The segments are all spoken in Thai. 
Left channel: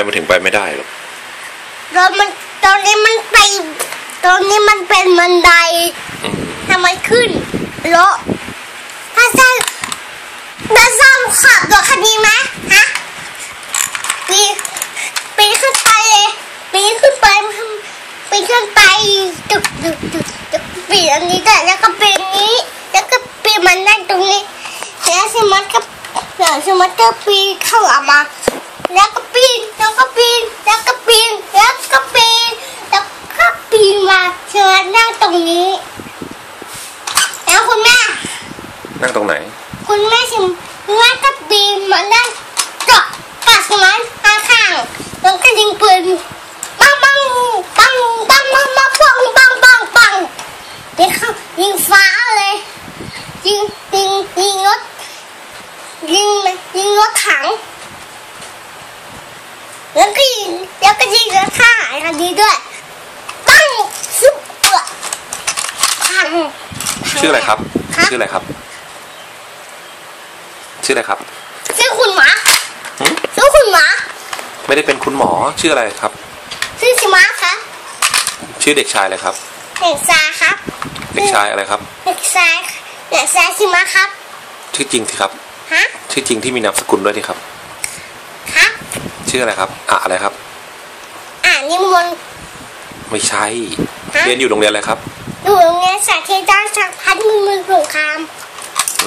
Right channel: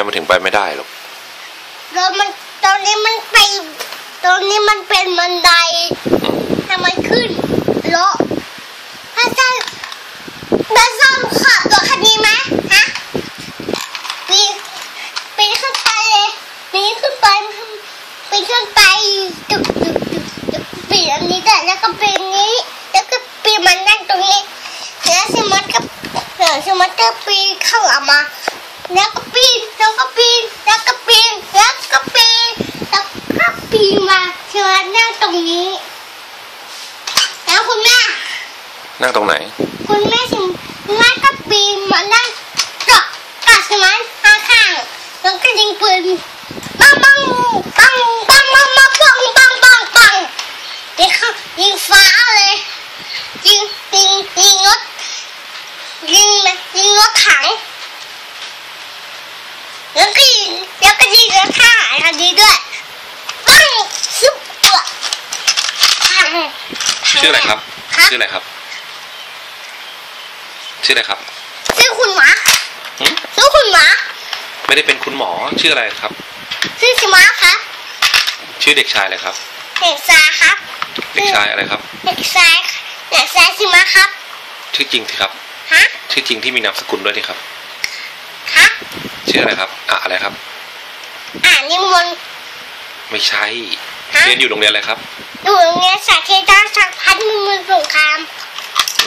มมันถึงไปไม่ได้หรอกรถมันตอนนี้มันไปตอนนี้มันเป็นบันไดถ้ามันขึ้นรถถ้าซ่าถ้าซ่าขับรถคันนี้ไหมฮะปีนปีนขึ้นไปเลยปีนขึ้นไปปีนขึ้นไปตึกตึกตึกตึกปีนอันนี้แต่แล้วก็ปีนนี้ แล้วก็ปีนมันนั่งตรงนี้แล้วสิมันก็แล้วสิมันก็ปีนเข้าออกมา แล้วก็ปีนแล้วก็ปีนแล้วก็ปีนแล้วก็ปีนแล้วก็ปีนมาเชิญนั่งตรงนี้ แล้วคุณแม่ นั่งตรงไหน คุณแม่ชิมแม่ก็ปีนมานั่งเกาะกับสมันข้างข้างๆแล้วก็ยิงปืนปังปังปังปังปังปังปังปังปังปังยิงเข้ายิงฟ้าเลยยิงยิงยิงรถยิงยิงรถถัง แล้วก็ยิงแล้วก็ยิงแล้วฆ่าอันนี้ด้วยปังซุปเปอร์พังชื่ออะไรครับครับ ชื่ออะไรครับ ชื่ออะไรครับชื่อคุณหมาหึชื่อคุณหมาไม่ได้เป็นคุณหมอชื่ออะไรครับ ชื่อสมาครับ ชื่อเด็กชายอะไรครับ เด็กชายครับ เด็กชายอะไรครับ เด็กชายเด็กชายสมาครับ ชื่อจริงสิครับ ฮะ ชื่อจริงที่มีนามสกุลด้วยสิครับ ฮะ ชื่ออะไรครับ อะอะไรครับ อ่านนิมนต์ไม่ใช่ฮะเรียนอยู่โรงเรียนอะไรครับดูเงี้ยสาธิตด้านสักพันมือสงคราม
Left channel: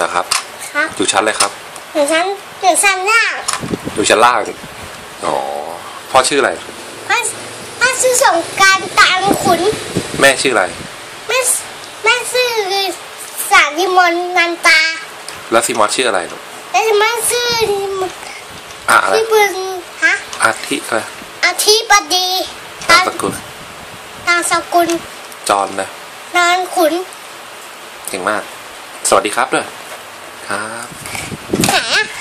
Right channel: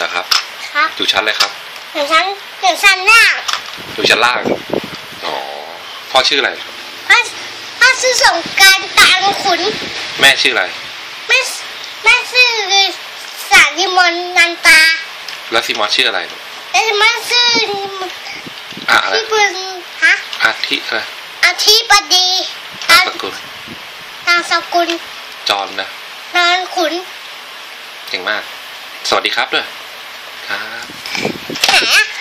นะครับ ครับอยู่ชั้นอะไรครับเดี๋ยวฉันเดี๋ยวฉันล่างอยู่ชั้นล่างอ๋อพ่อชื่ออะไรถ้าถ้าชื่อสงกรารตางขุน แม่ชื่ออะไรแม่แม่ชื่อสานิมนต์นันตา แล้วซีมอสชื่ออะไรเอ้ยแม่ชื่ออะอะไรพี่บุญ ฮะอาทิอะไรอาทิบดีนามสกุลนามสกุล จอนนะนานขุนเก่งมาก สวัสดีครับด้วย ครับแหม